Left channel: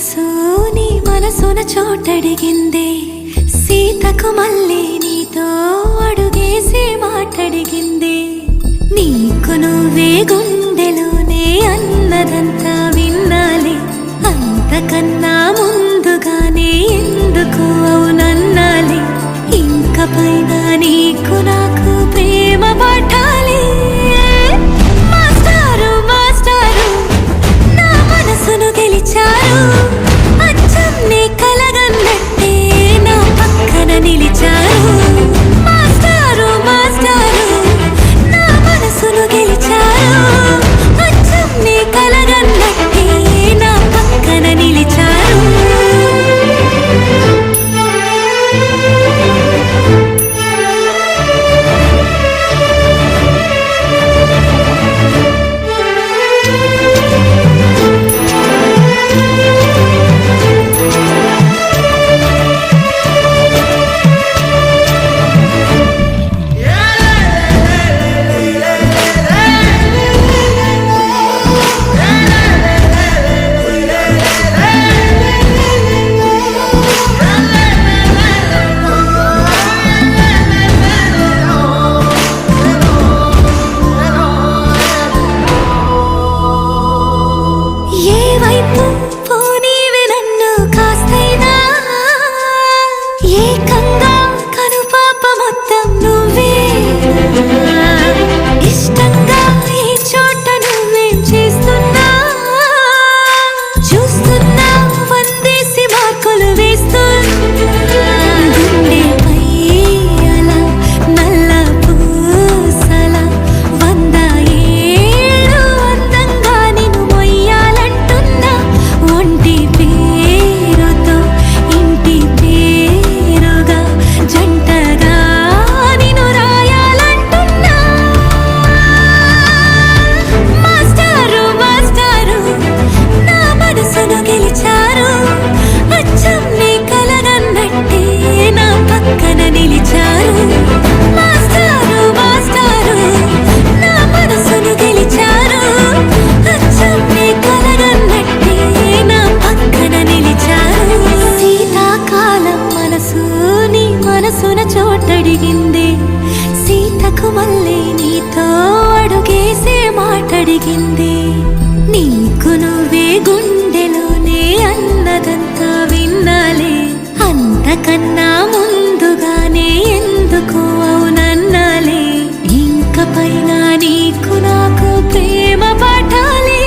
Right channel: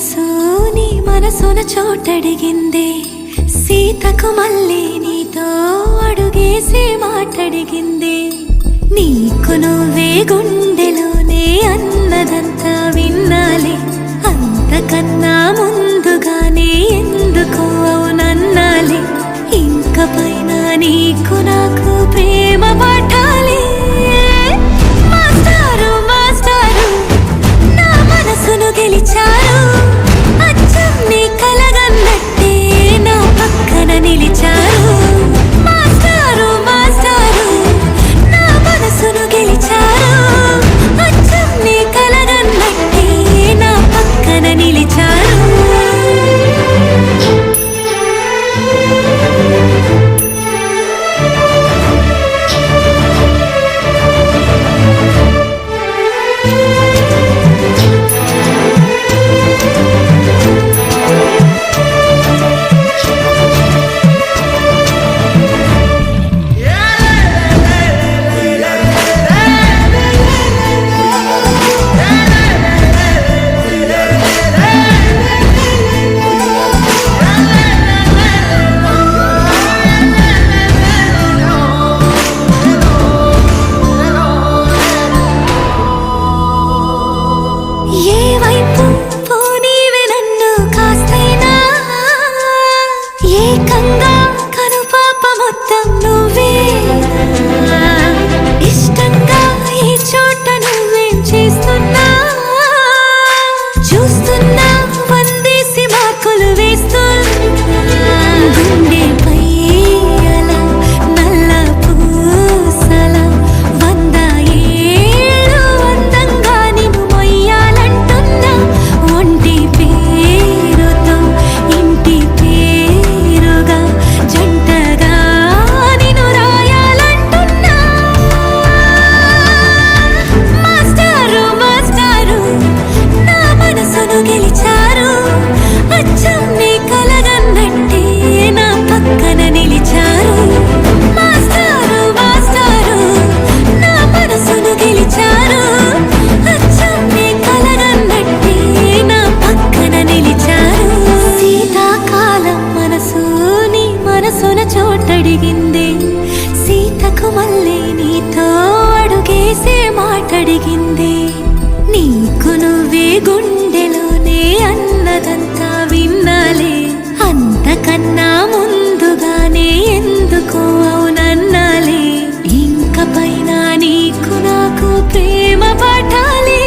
సొగసు నీ మనసున చోటడిగిందే, సీతకు మళ్ళీ నీతో అడుగేసి మాటడిగిందే. నీకు నువ్వే గుండెలోనే అన్నదంతా విన్నాలే, అంతకన్నా ముందుగానే ఎందుకు అవునన్నాలే. ఇంక పైన నీకు నాకు ప్రేమ పాఠాలే. మాస్టారు మాస్టారు నా మనసును గెలిచారు, అచ్చం నీ కలగన్నట్టే నా పక్కన నిలిచారు. మాస్టారు మాస్టారు నా మనసును గెలిచారు, అచ్చం నీ కలగన్నట్టే నా పక్కన నిలిచారు. పోనీవి నన్ను కాస్తైనా, ఏకంగా కనుపాప మొత్తం నువ్వే. ఇష్టంగా ఈ చోట నువ్వేం చేస్తున్నా, చూస్తున్నా వందేసి మార్కులు వేస్తున్నా. గుండెపై అలా నల్ల పూసల 100 ఏళ్ళు అందంగా నిన్ను మొయ్యాలంటున్నా. ఒంటి పేరుతో ఇంటి పేరుగా జంటగా నిన్ను రాయాలంటున్నా. మాస్టారు మాస్టారు నా మనసును గెలిచారు, అచ్చం నీ కలగన్నట్టే నా పక్కన నిలిచారు. మాస్టారు మాస్టారు నా మనసును గెలిచారు, అచ్చం నీ కలగన్నట్టే నా పక్కన నిలిచారు. శీతాకాలం మనసు నీ మనసున చోటడిగిందే, సీతకు మళ్ళీ నీతో అడుగేసే మాటడిగిందే. నీకు నువ్వే గుండెలోనే అన్నదంతా విన్నాలే, అంతకన్నా ముందుగానే ఎందుకు అవునన్నాలే. ఇంక పైన నీకు నాకు ప్రేమ పాఠాలే.